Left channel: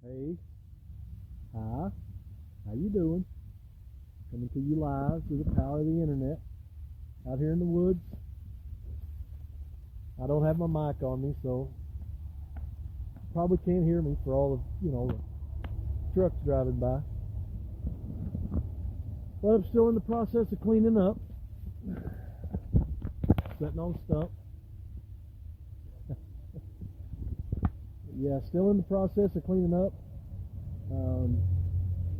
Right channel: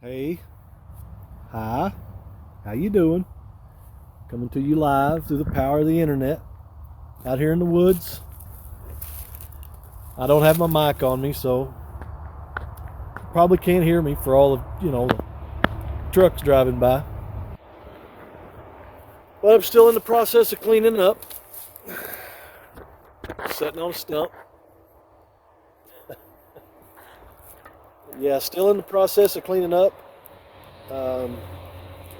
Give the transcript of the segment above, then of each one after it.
Hey, hi, how you doing? Coming to you live through the power of the internet out here in the woods. I don't have my mic on me, so you probably can't hear me for all of, the trucks driving by. But I'm still in the process of cleaning up. Sitting on a stump. Yeah, still in the process of cleaning up.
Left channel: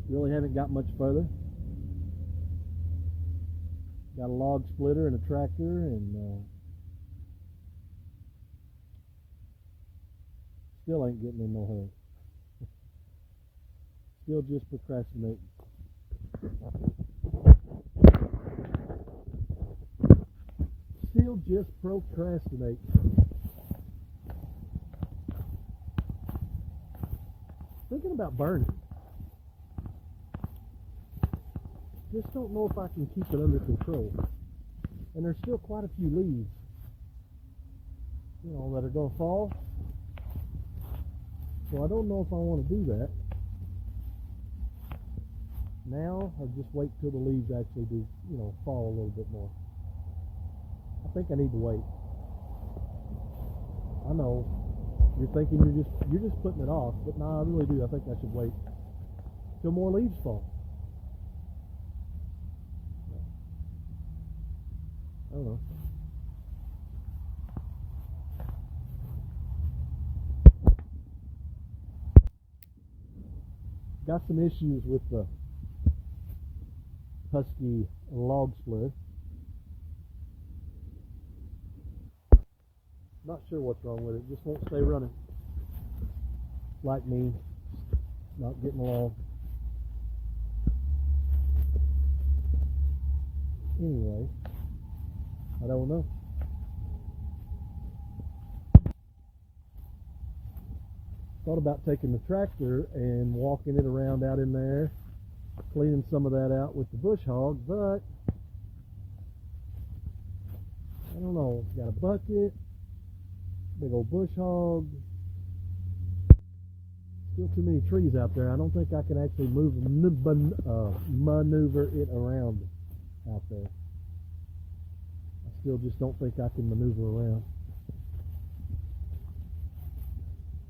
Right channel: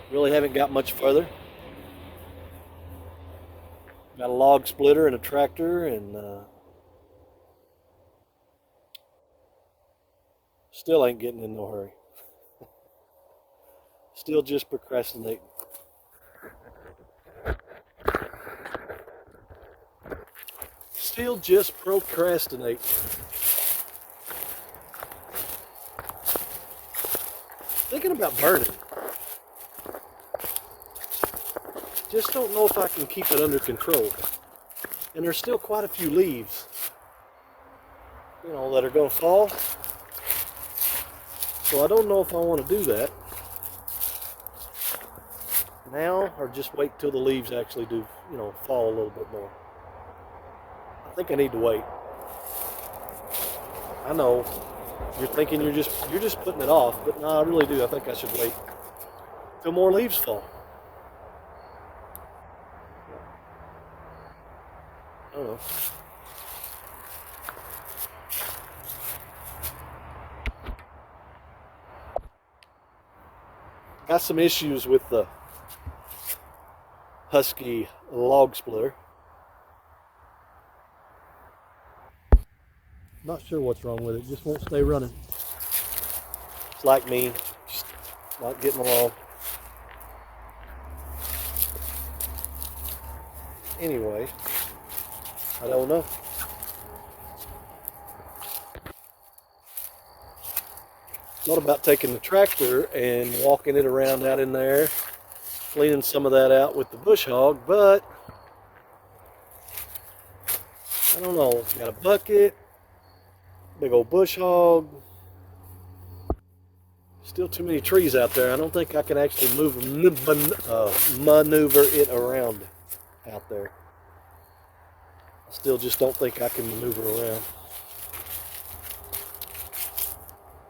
Really haven't got much further. Got a log splitter and a tractor, and still ain't getting in no hurry. Still just procrastinating. Still just procrastinating. Thinking about burning. Just don't know if I can keep it under control. And there's still quite a few leaves, that are going to fall. So I don't know if I want to do that now or just wait till the leaves actually do, fall a little bit more. I think I need to wait. I know you're thinking you're just putting it off, but no, I really do. I think I should wait till more leaves fall. I don't know. Got some issues with the Husky log splitter. Not sure what's wrong with it. Just won't stay running. It's like me, just not getting along. Anyway, I don't know. Thought about taking the tractor and walking it around out in there, cleaning some of that out with the bush hog, but I don't know. Got a bucket, big old bush hog. Still too many trees out there. I don't think I can actually maneuver it around out there. I still just don't think I can maneuver around.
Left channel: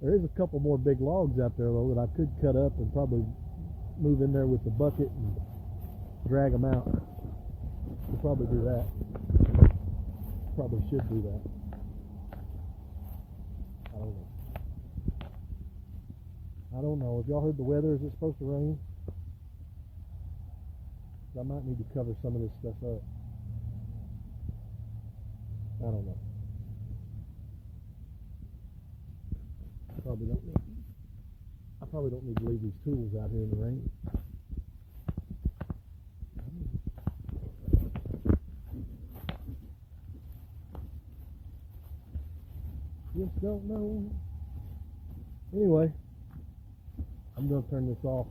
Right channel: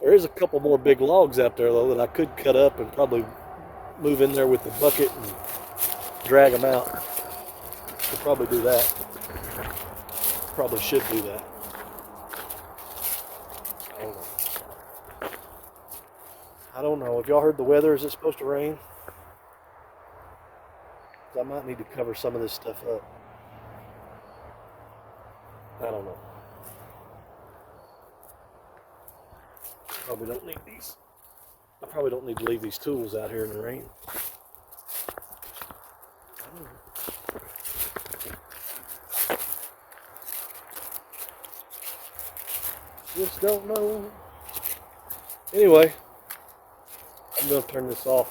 There is a couple more big logs out there though that I could cut up and probably move in there with the bucket and drag them out. Could probably do that. Probably should do that. I don't know. Have y'all heard the weather? Is it supposed to rain? I might need to cover some of this stuff up. I don't know. Probably don't need these. I probably don't need to leave these tools out here in the rain. Just don't know. Anyway, I'm going to turn this off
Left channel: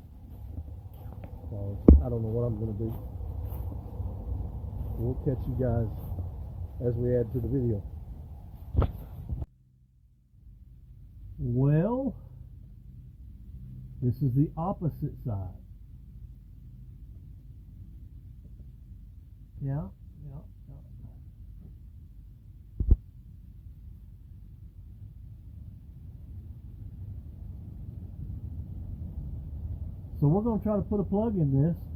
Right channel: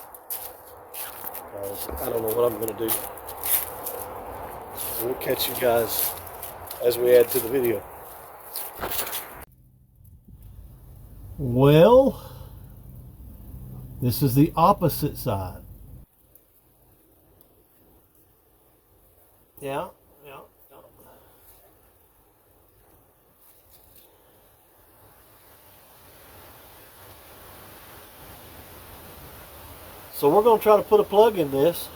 because I don't know what I'm going to do. So we'll catch you guys as we add to the video. Well, this is the opposite side. Yeah. So we're going to try to put a plug in this.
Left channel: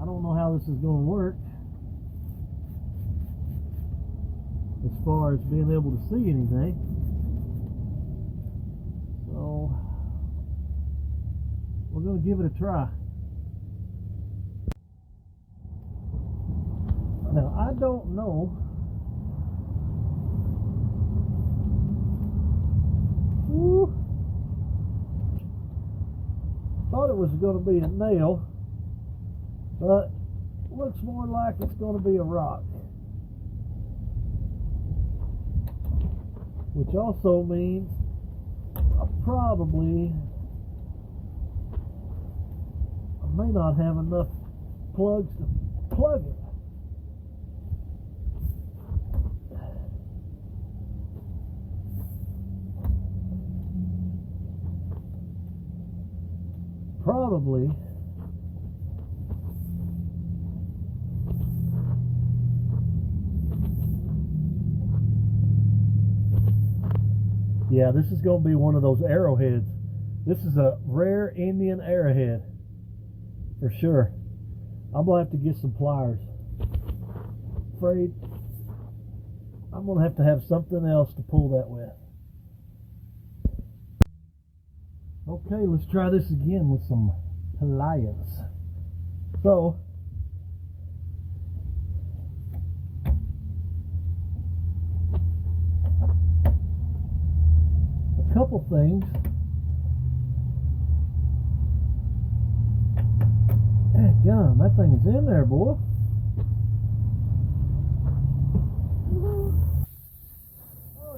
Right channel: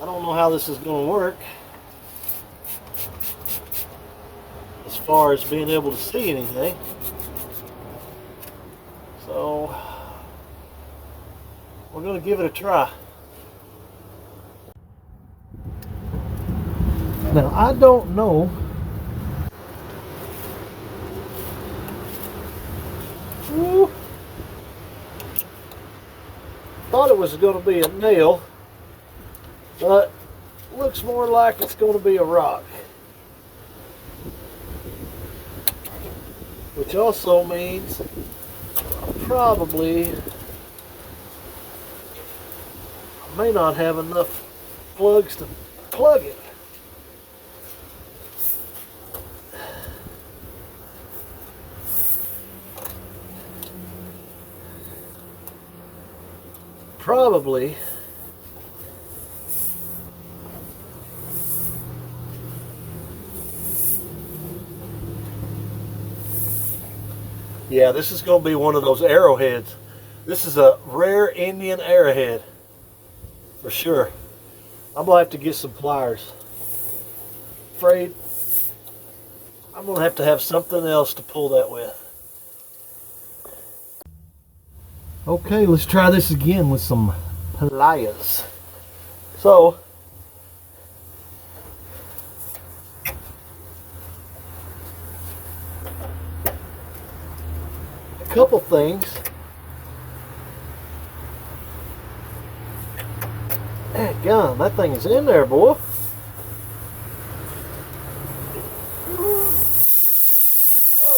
I don't know how this is going to work as far as being able to see anything. So we're going to give it a try. Now I don't know thought it was going to be a nail, but looks more like it's going to be a rock, which also means probably I may not have enough plugs to plug it. probably yeah, this is going to be one of those arrowheads. This is a rare Indian arrowhead for sure. I'm going to have to get some pliers. Afraid I'm going to have something else to pull that with. Okay, let's try this again with some pliers. So, a couple things. Gum, that thing is in there, boy. Oh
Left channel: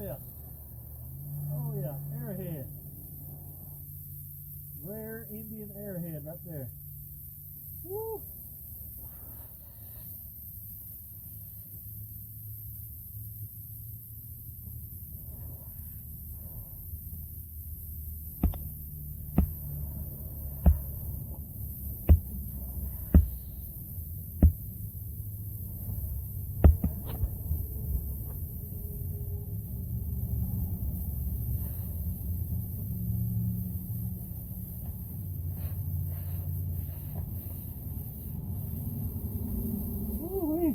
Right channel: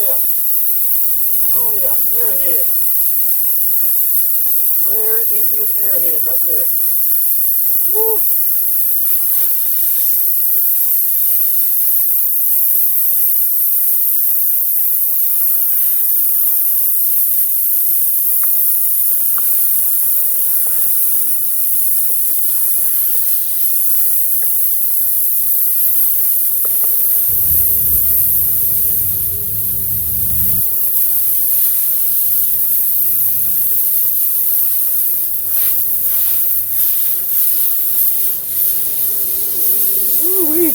yeah. Oh yeah, arrowhead. Rare Indian arrowhead right there. Woo. Woo-wee.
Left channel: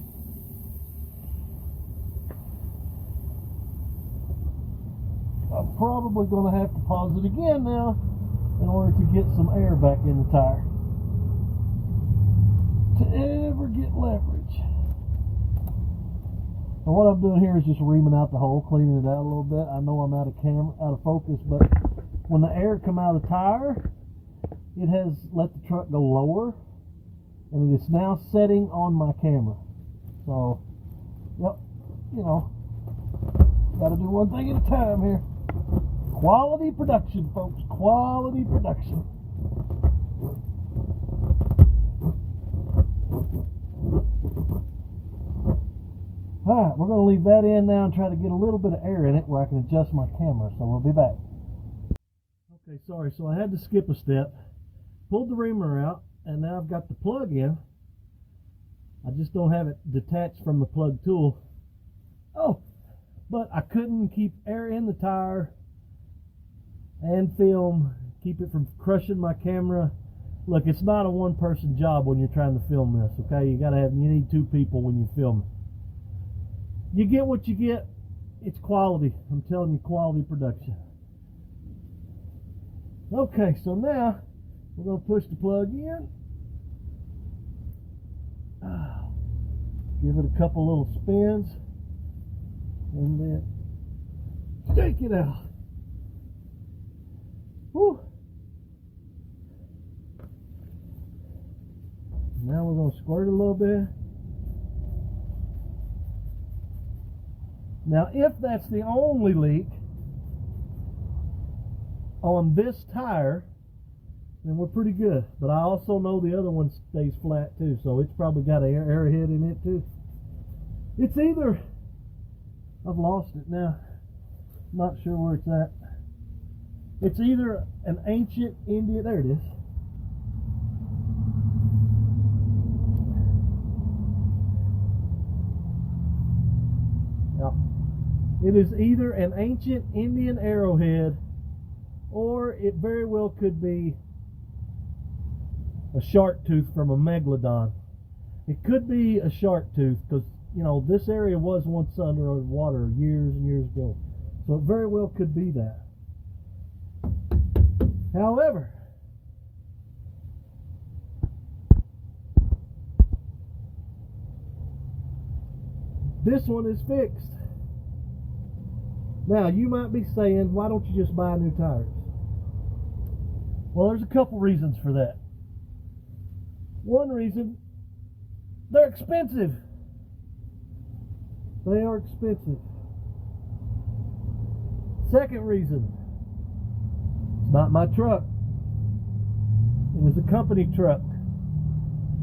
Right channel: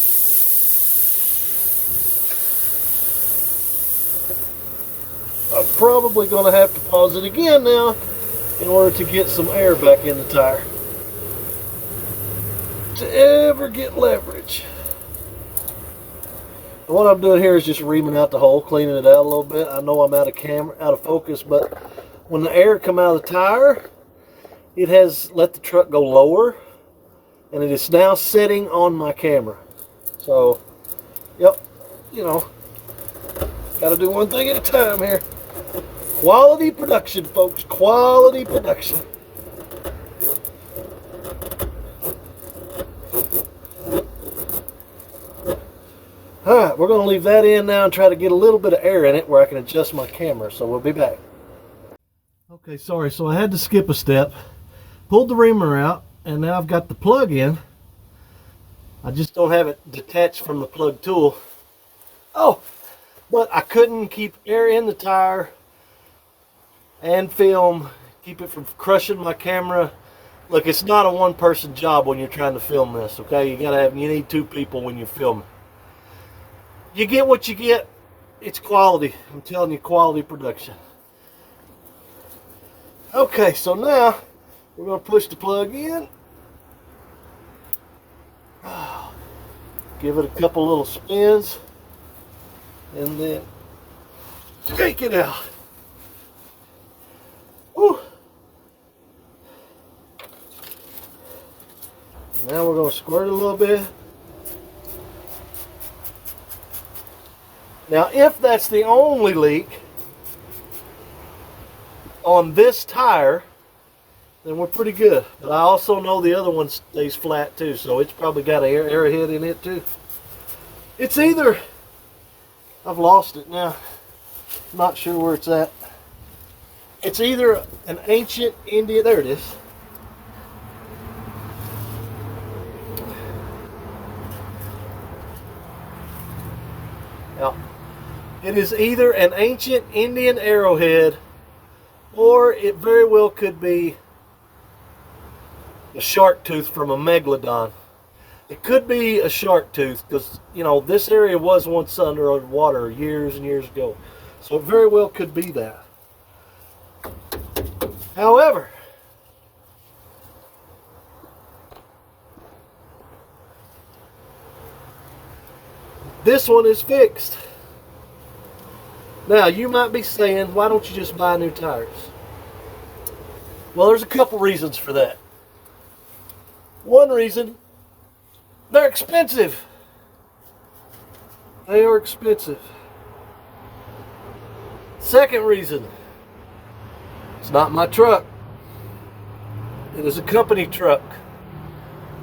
I'm probably going to have to pause it again now in order to get some air back in the tire to ever get leverage. And what I'm doing here is just reaming out the hole, cleaning it out a little bit. I know I'm out of focus, but when the air come out of the tire, it has let the truck go lower, and it is now setting on my camera. So, yep, you know, got to do one thing at a time here. Quality production, folks, quality production. All right, we're going to leave that in now and try to get a little bit of air in it where I can adjust my camera, so we'll be back. Okay, sorry, so I had to skip a step. Pulled the reamer out, and now I've got the plug in. I just don't have it detached from the plug tool. Oh, but I couldn't keep air in the tire and film, keep it from crushing my camera. Look, it's not a one-person job when you're trying to film this, okay? You need two people when you're filming. You get what you get. It's quality. I'm telling you, quality production. Okay, so now we're going to push the plug in. Give it a couple little spins, and then take it out. Woo. Now we're going to squirt it a little bit. Now, if that's the only leak on this tire, then we're pretty good. But I also know the other one stays flat too, so it's probably got an arrowhead in it too. It's either, I've lost it now, not sure where it's at. It's either an ancient Indian, there it is. Now, it is either an ancient Indian arrowhead, or it very well could be a shark tooth from a megalodon. It could be a shark tooth because, you know, this area was once under water years and years ago. So it very well could be that. However, this one is fixed. Now, you might be saying, why don't you just buy new tires? Well, there's a couple reasons for that. One reason, they're expensive. They are expensive. Second reason, it's not my truck. It is a company truck.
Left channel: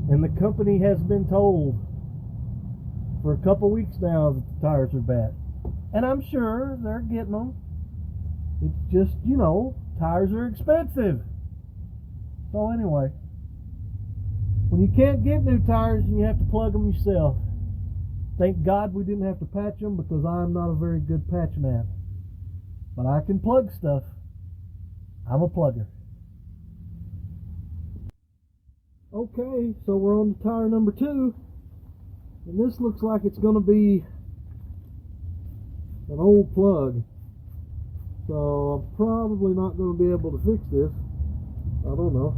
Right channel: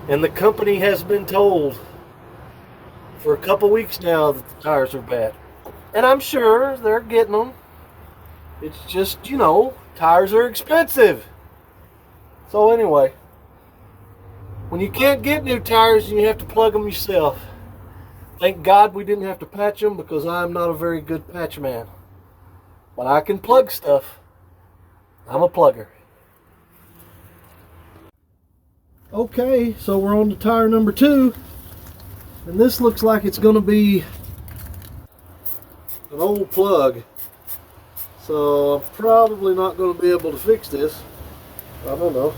And the company has been told for a couple weeks now that the tires are bad. And I'm sure they're getting them. It's just, you know, tires are expensive. So anyway, when you can't get new tires and you have to plug them yourself, thank God we didn't have to patch them, because I'm not a very good patch man. But I can plug stuff. I'm a plugger. Okay, so we're on to tire number 2. And this looks like it's going to be an old plug. So I'm probably not going to be able to fix this. I don't know.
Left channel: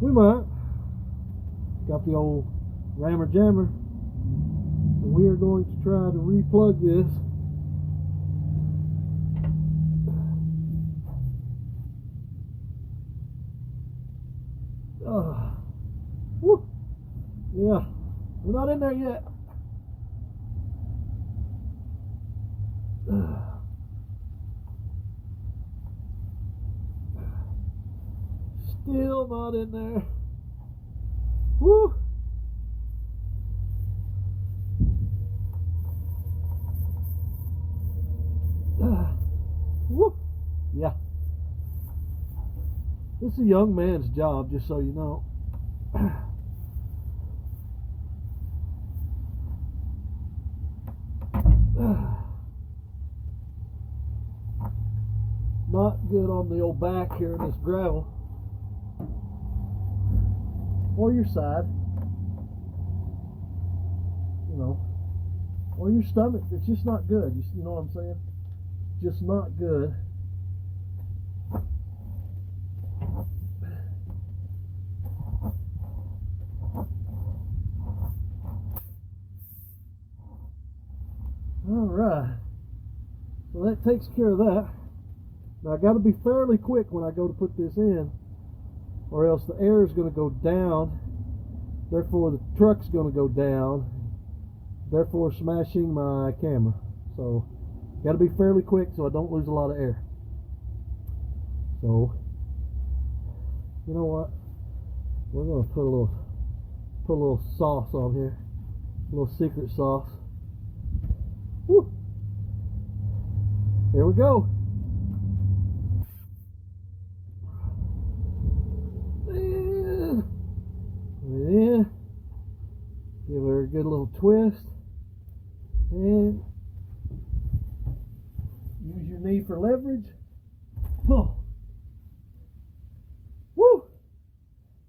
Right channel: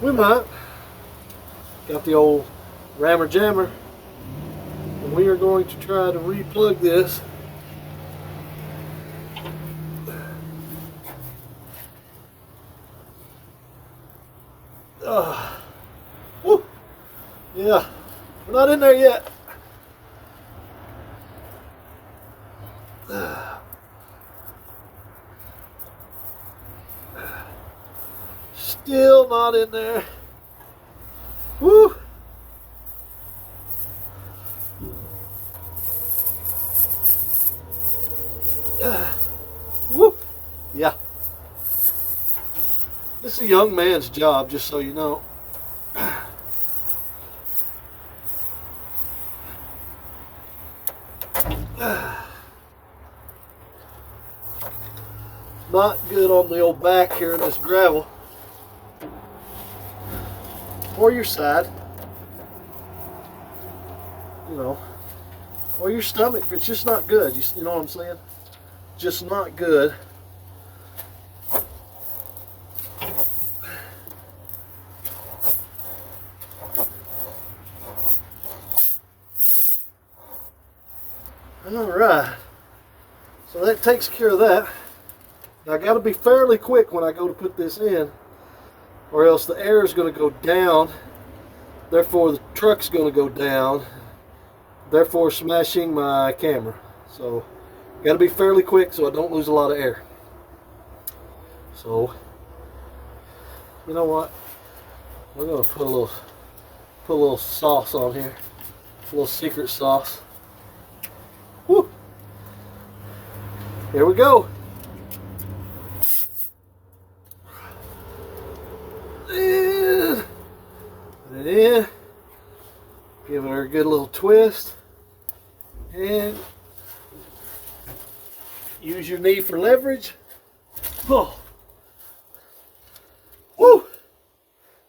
We might. Got the old rammer jammer. And we are going to try to re-plug this. Woo! Yeah, we're not in there yet. Still not in there. Woo! Woo! Yeah. This is a young man's job, just so you know. Not good on the old back here in this gravel. Or your side. You know. Or your stomach. It's just not good. You know what I'm saying? Just not good. Alright, so that takes care of that. Now I got to be fairly quick when I go to put this in, or else the air is going to go down, therefore the truck's going to go down, therefore smashing my camera. So got to be fairly quick so I don't lose a lot of air. So you know what, we're going to put a little sauce on here, a little secret sauce. Woo. Here we go. And put it in. Give her a good little twist. And use your knee for leverage. Oh. Woo.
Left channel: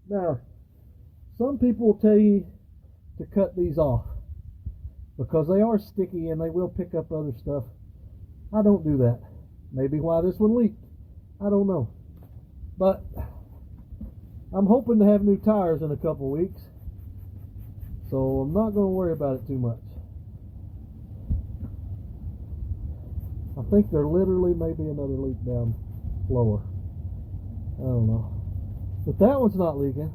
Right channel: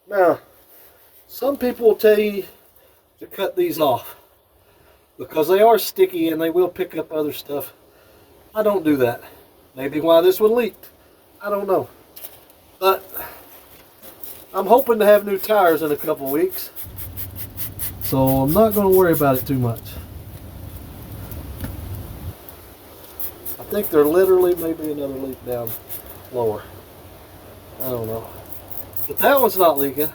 Now, some people will tell you to cut these off, because they are sticky and they will pick up other stuff. I don't do that. Maybe why this one leaked. I don't know. But I'm hoping to have new tires in a couple weeks, so I'm not going to worry about it too much. I think there literally may be another leak down lower. I don't know. But that one's not leaking.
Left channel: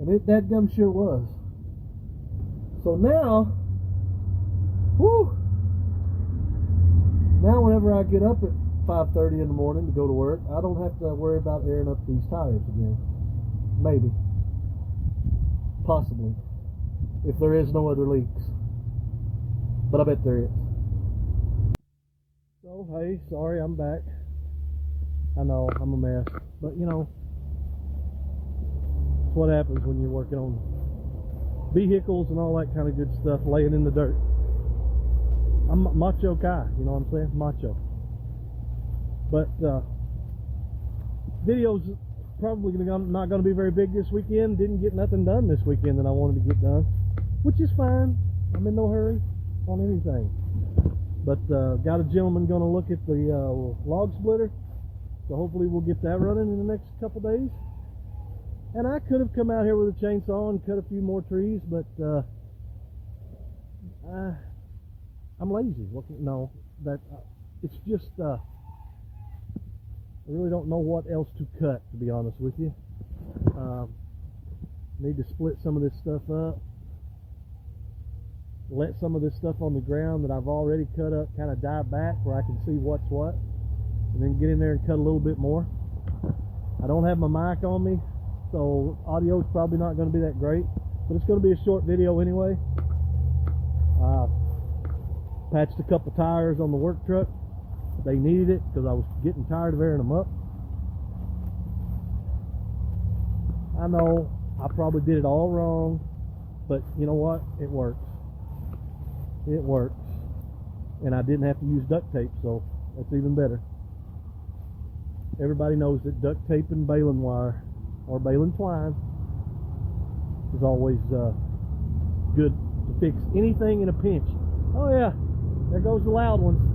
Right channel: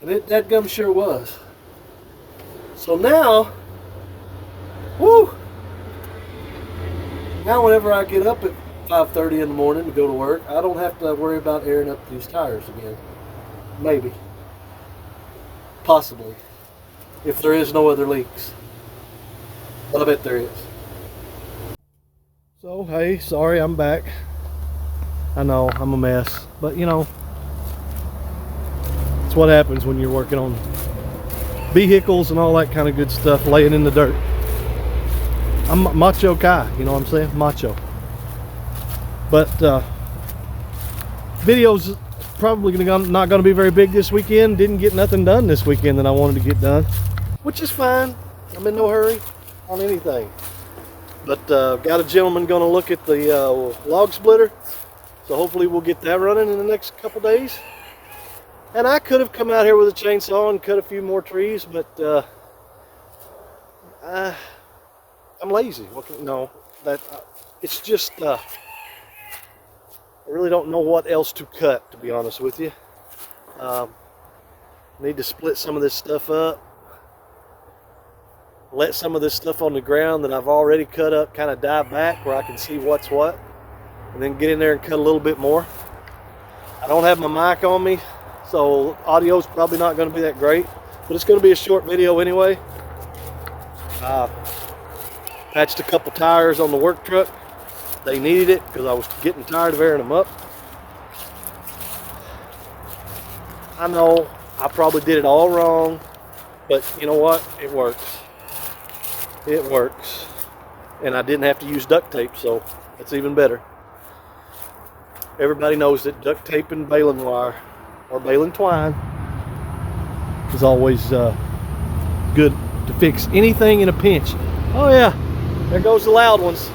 And it dadgum sure was. So now, woo! Now whenever I get up at 5:30 in the morning to go to work, I don't have to worry about airing up these tires again. Maybe. Possibly. If there is no other leaks. But I bet there is. So, hey, sorry I'm back. I know, I'm a mess. But, you know, it's what happens when you're working on vehicles and all that kind of good stuff, laying in the dirt. I'm macho guy, you know what I'm saying? Macho. But videos probably not going to be very big this weekend. Didn't get nothing done this weekend that I wanted to get done, which is fine. I'm in no hurry on anything. But got a gentleman going to look at the log splitter, so hopefully we'll get that running in the next couple days. And I could have come out here with a chainsaw and cut a few more trees, but I'm lazy. No, it's just I really don't know what else to cut, to be honest with you. Need to split some of this stuff up, let some of this stuff on the ground that I've already cut up kind of die back where I can see what's what, and then get in there and cut a little bit more. I don't have my mic on me, so audio is probably not going to be that great, but it's going to be a short video anyway. Patched a couple tires on the work truck. They needed it because I was getting tired of airing them up. I know I probably did it all wrong, but you know what? It works. It works. And I didn't have to use duct tape, so that's even better. Everybody knows that duct tape and baling wire or baling twine is always good to fix anything in a pinch. Oh yeah, there goes the loud ones.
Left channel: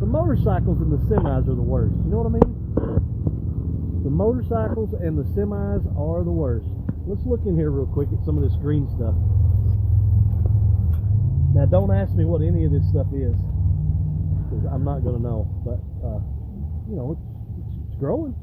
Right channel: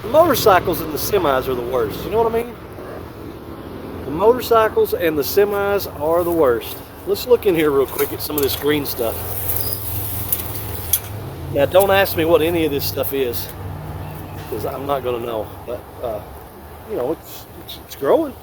The motorcycles and the semis are the worst. You know what I mean? The motorcycles and the semis are the worst. Let's look in here real quick at some of this green stuff. Now don't ask me what any of this stuff is, because I'm not going to know. But you know, it's growing.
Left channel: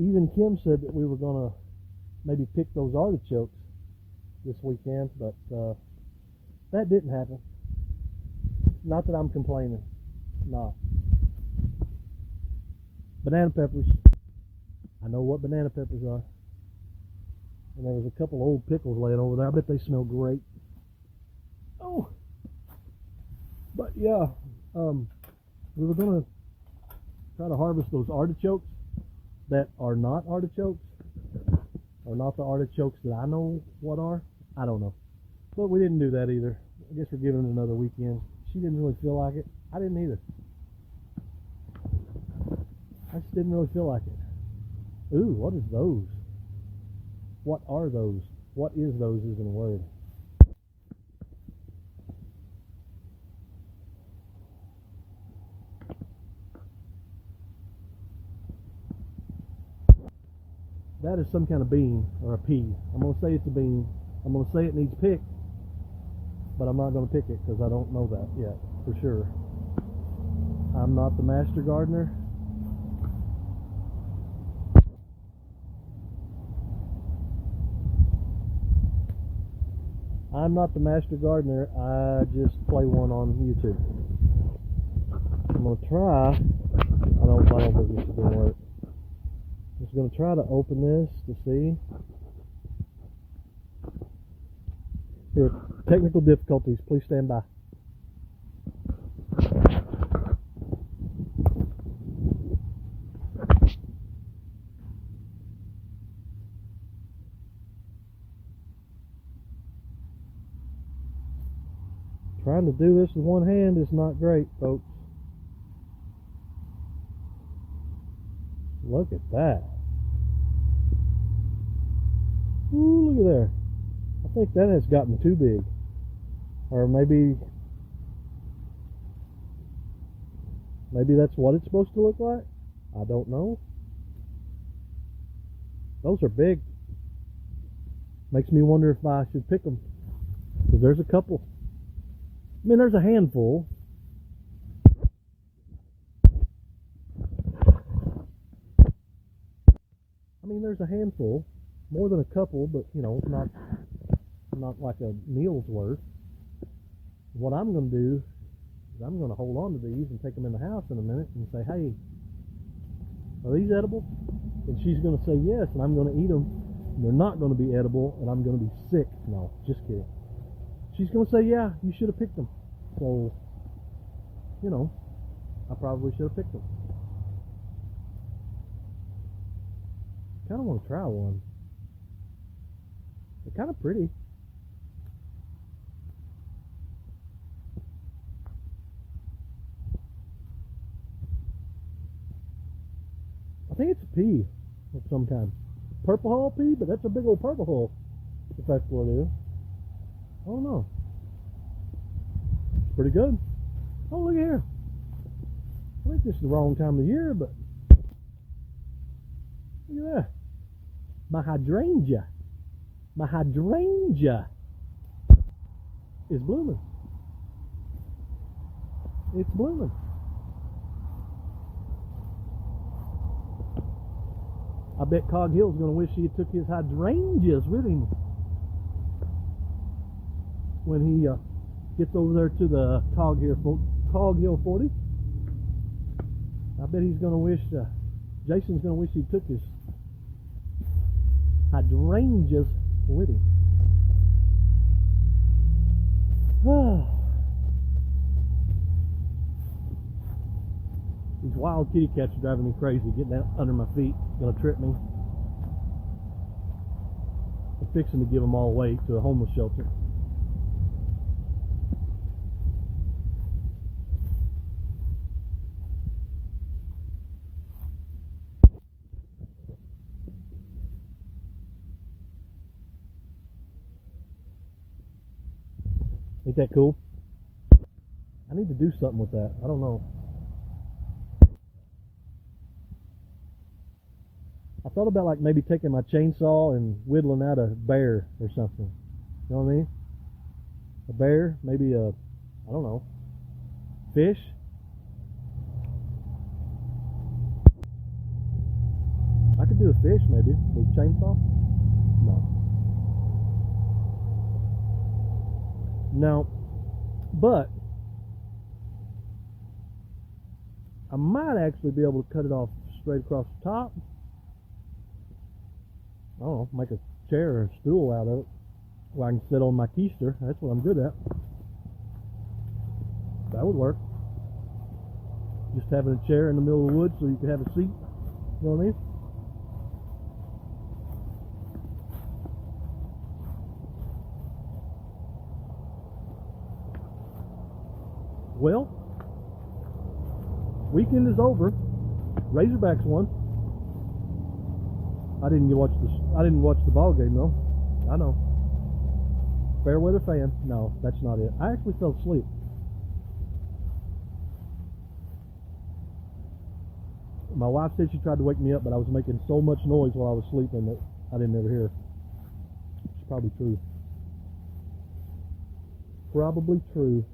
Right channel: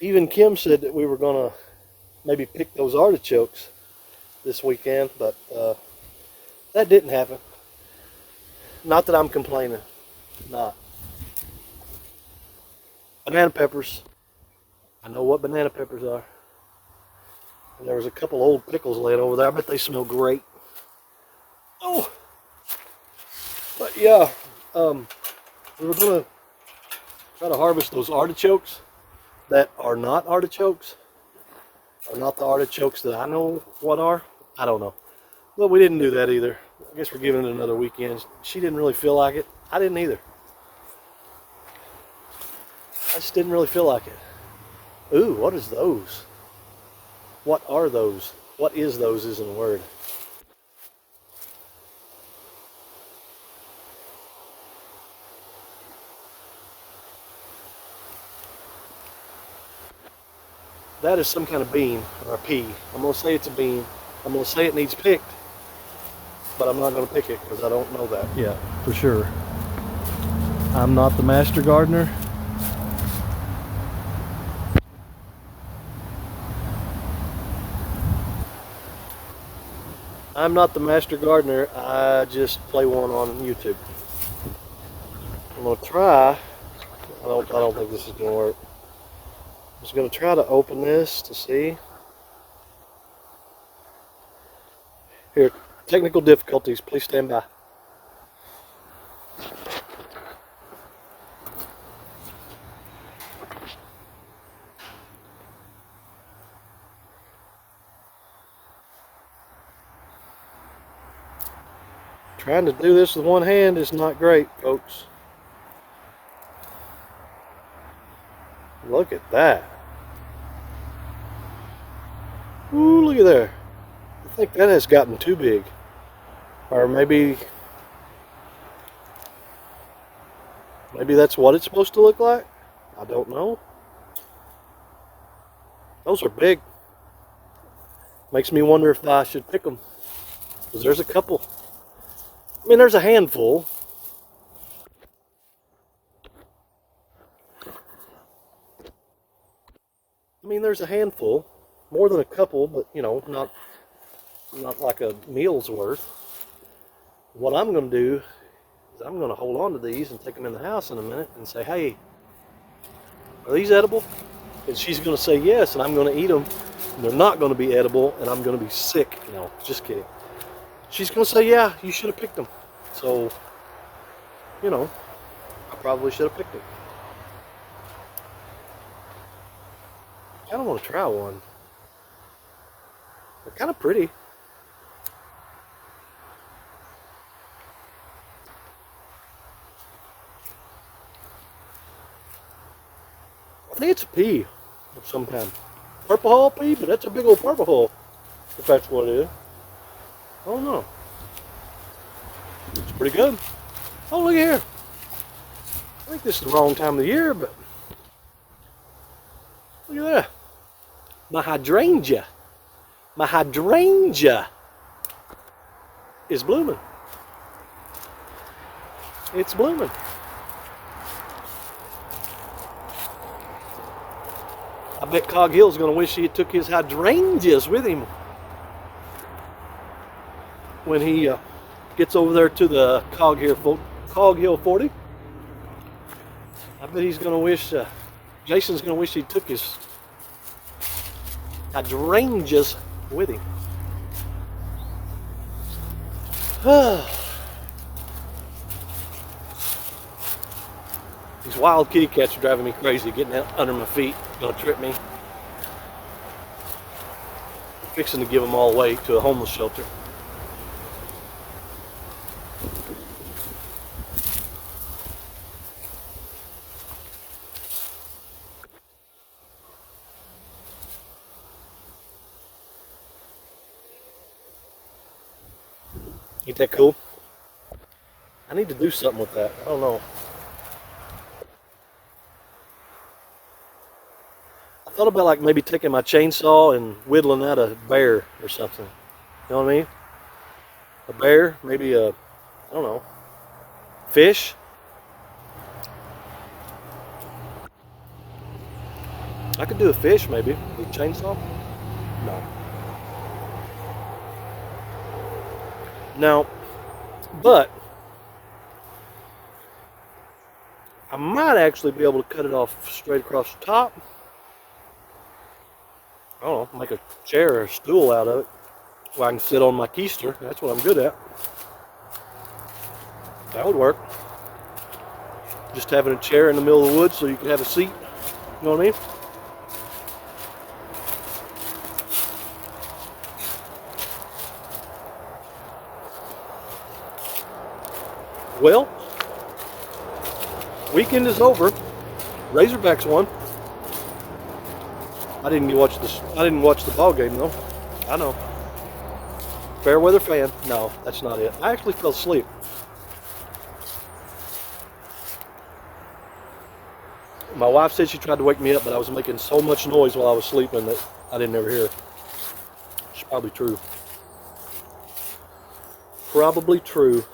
Even Kim said that we were gonna maybe pick those artichokes this weekend, but that didn't happen. Not that I'm complaining. Not. Banana peppers. I know what banana peppers are. And there was a couple old pickles laying over there. I bet they smell great. Oh! But yeah, we were gonna try to harvest those artichokes that are not artichokes, are not the artichokes that I know what are. I don't know. But we didn't do that either. I guess we're giving it another weekend. She didn't really feel like it. I didn't either. I just didn't really feel like it. Ooh, what is those? What are those? What is those isn't a word. That is some kind of bean or a pea. I'm going to say it's a bean. I'm going to say it needs picked, but I'm not going to pick it because I don't know that yet for sure. I'm not the master gardener. I'm not the master gardener. I just play one on YouTube. I'm going to try. I don't think this is going to work. I'm just going to try to open this to see. Here, technical difficulties. Please stand by. Trying to do this with one hand is not great, folks. Look at that. Ooh, look at there. I think that has gotten too big. Or maybe that's what it's supposed to look like. I don't know. Those are big. Makes me wonder if I should pick them. Because there's a couple. I mean, there's a handful. There's a handful, more than a couple, but you know, not like a meal's worth. What I'm going to do is I'm going to hold on to these and take them in the house in a minute and say, hey, are these edible? And she's going to say yes, and I'm going to eat them. And they're not going to be edible, and I'm going to be sick. No, just kidding. She's going to say, yeah, you should have picked them. So, you know, I probably should have picked them. I kind of want to try one. They're kind of pretty. I think it's a pea of some kind. Purple hull pea, but that's a big old purple hull, if that's what it is. I don't know. It's pretty good. Oh, look here. I think this is the wrong time of the year, but look at that. My hydrangea is blooming. It's blooming. I bet Cog Hill's gonna wish he took his hydrangeas with him when he gets over there to the Cog Hill 40. I bet he's gonna wish, Jason's gonna wish he took his hydrangeas with him. These wild kitty cats are driving me crazy, getting out under my feet, gonna trip me. I'm fixing to give them all away to a homeless shelter. Ain't that cool? I need to do something with that. I don't know. I thought about like maybe taking my chainsaw and whittling out a bear or something. You know what I mean? A bear, maybe a, I don't know, fish. I could do a fish maybe with a chainsaw. No, but I might actually be able to cut it off straight across the top. I don't know, make a chair or a stool out of it where I can sit on my keister. That's what I'm good at. That would work. Just having a chair in the middle of the woods so you can have a seat. You know what I mean? Well, weekend is over. Razorbacks won. I didn't watch the ball game though. I know. Fair weather fan. No, that's not it. I actually fell asleep. My wife said she tried to wake me up, but I was making so much noise while I was sleeping that I didn't ever hear her. It's probably true. Probably true.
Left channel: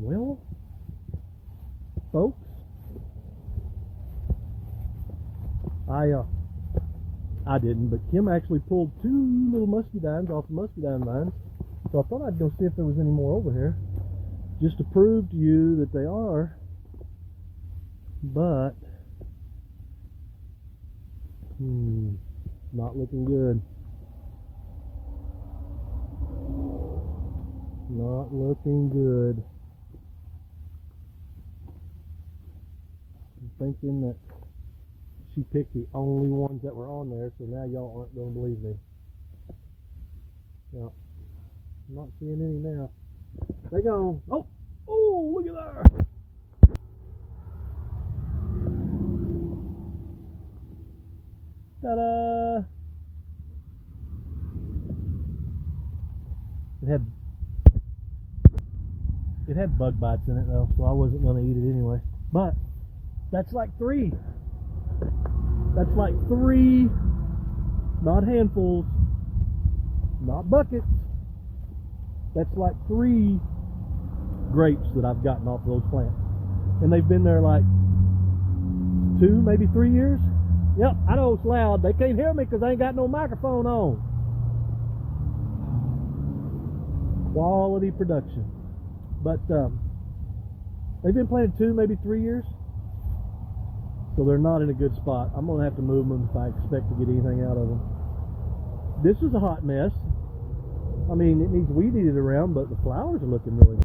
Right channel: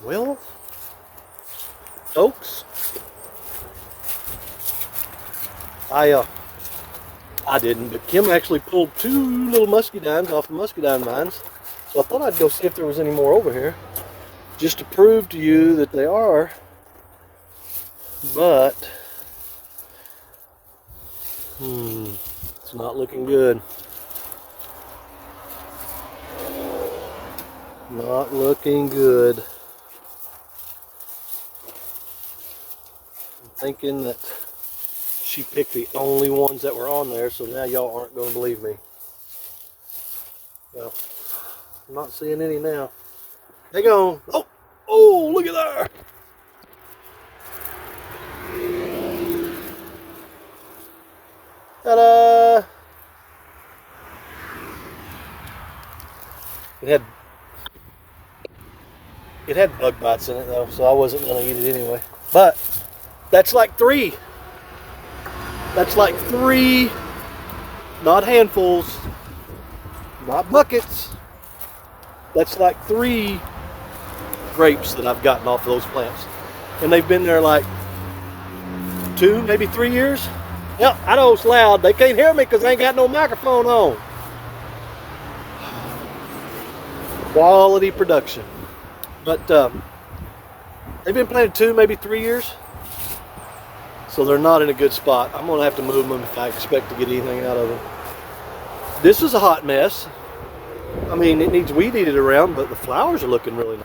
Well, folks, I didn't, but Kim actually pulled 2 little muscadines off the muscadine vines. So I thought I'd go see if there was any more over here, just to prove to you that they are. But it's not looking good. Not looking good. I'm thinking that she picked the only ones that were on there, so now y'all aren't going to believe me. Well, I'm not seeing any now. They go. Oh, look at there. Ta-da! It had bug bites in it though, so I wasn't going to eat it anyway. But that's like 3. That's like 3, not handfuls, not buckets. That's like 3 grapes that I've gotten off of those plants. And they've been there like 2, maybe 3 years. Yep, I know it's loud. They can't hear me because I ain't got no microphone on. Quality production. But they've been planted 2, maybe 3 years. So they're not in a good spot. I'm going to have to move them if I expect to get anything out of them. This is a hot mess. I mean, it needs weed eated around, but the flowers are looking really nice.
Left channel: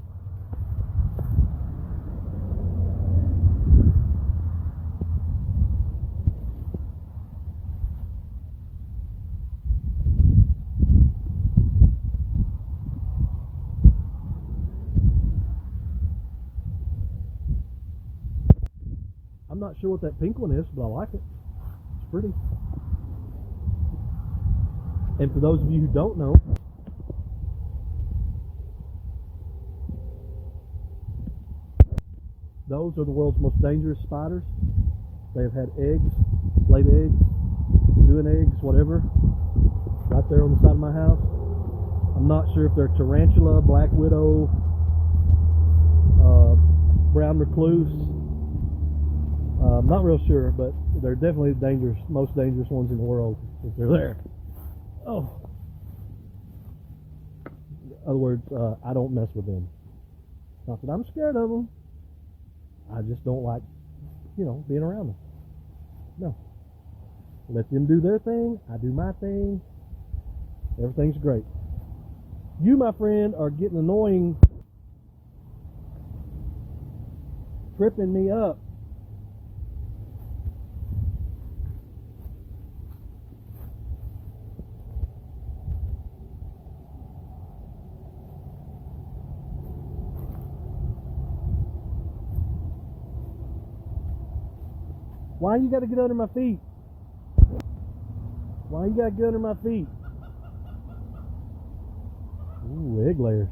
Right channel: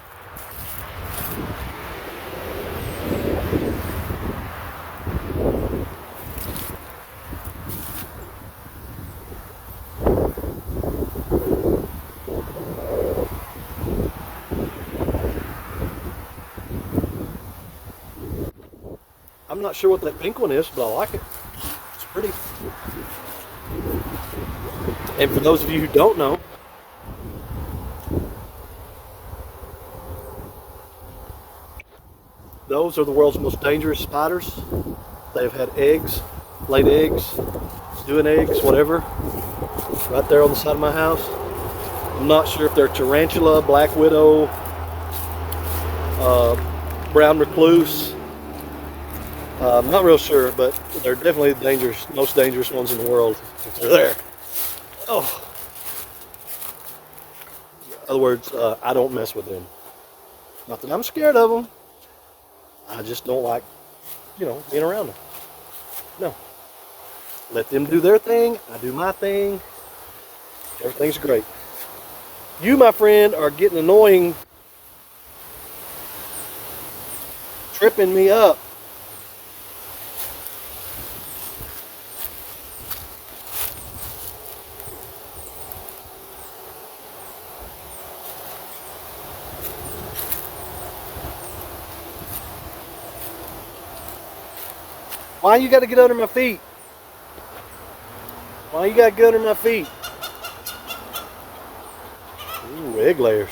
I'm not sure what that pink one is, but I like it. It's pretty. And for those of you who don't know, those are the world's most dangerous spiders. They've had eggs, laid eggs, stewing eggs, whatever, right there on the side of my house. I'm not sure if they're tarantula, black widow, brown recluse. I'm not real sure, but they're definitely the most dangerous ones in the world if they're there. Oh. In other words, I don't mess with them. Not that I'm scared of them. I just don't like, being around them. No. Let them do their thing. I do my thing. Everything's great. You, my friend, are getting annoying, tripping me up. Why you got to get under my feet? Why you got to get under my feet? Ooh, egg layers.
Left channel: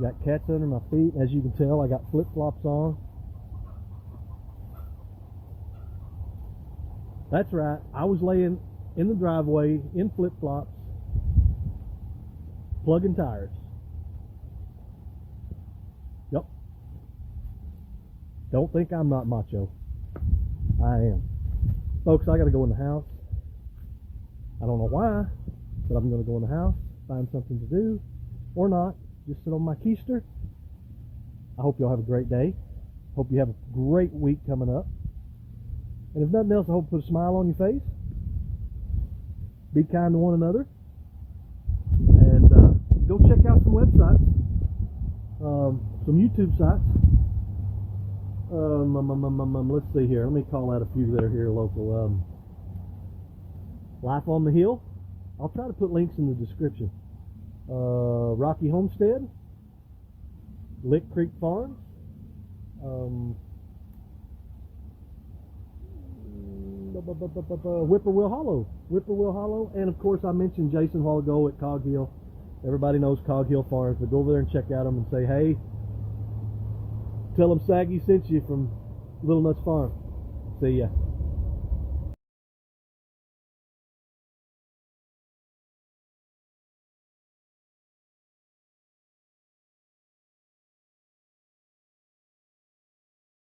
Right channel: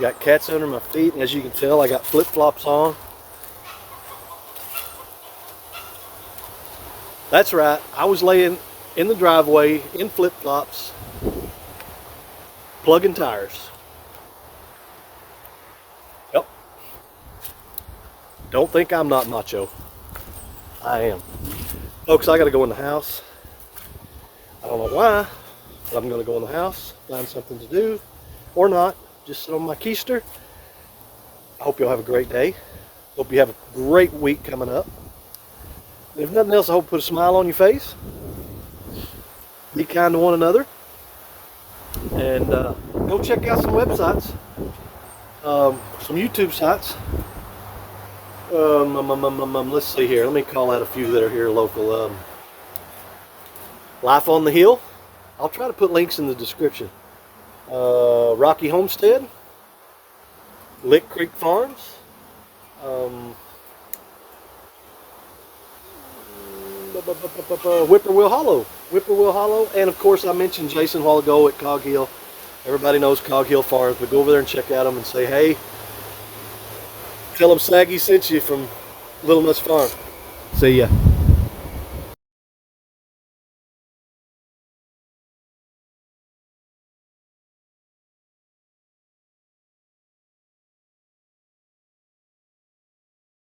Got cats under my feet, and as you can tell, I got flip-flops on. That's right. I was laying in the driveway in flip-flops, plugging tires. Yep. Don't think I'm not macho. I am. Folks, I got to go in the house. I don't know why, but I'm going to go in the house, find something to do, or not. Just sit on my keister. I hope you'll have a great day. Hope you have a great week coming up. And if nothing else, I hope put a smile on your face. Be kind to one another. And go check out some websites, some YouTube sites. Let's see here. Let me call out a few that are here local. Life on the Hill. I'll try to put links in the description. Rocky Homestead. Lick Creek Farms. Whippoor Hollow. And of course, I mentioned Jason a while ago at Cog Hill. Everybody knows Cog Hill Farms, but go over there and check out them and say, hey, tell them Saggy sent you from Little Nuts Farm. See ya.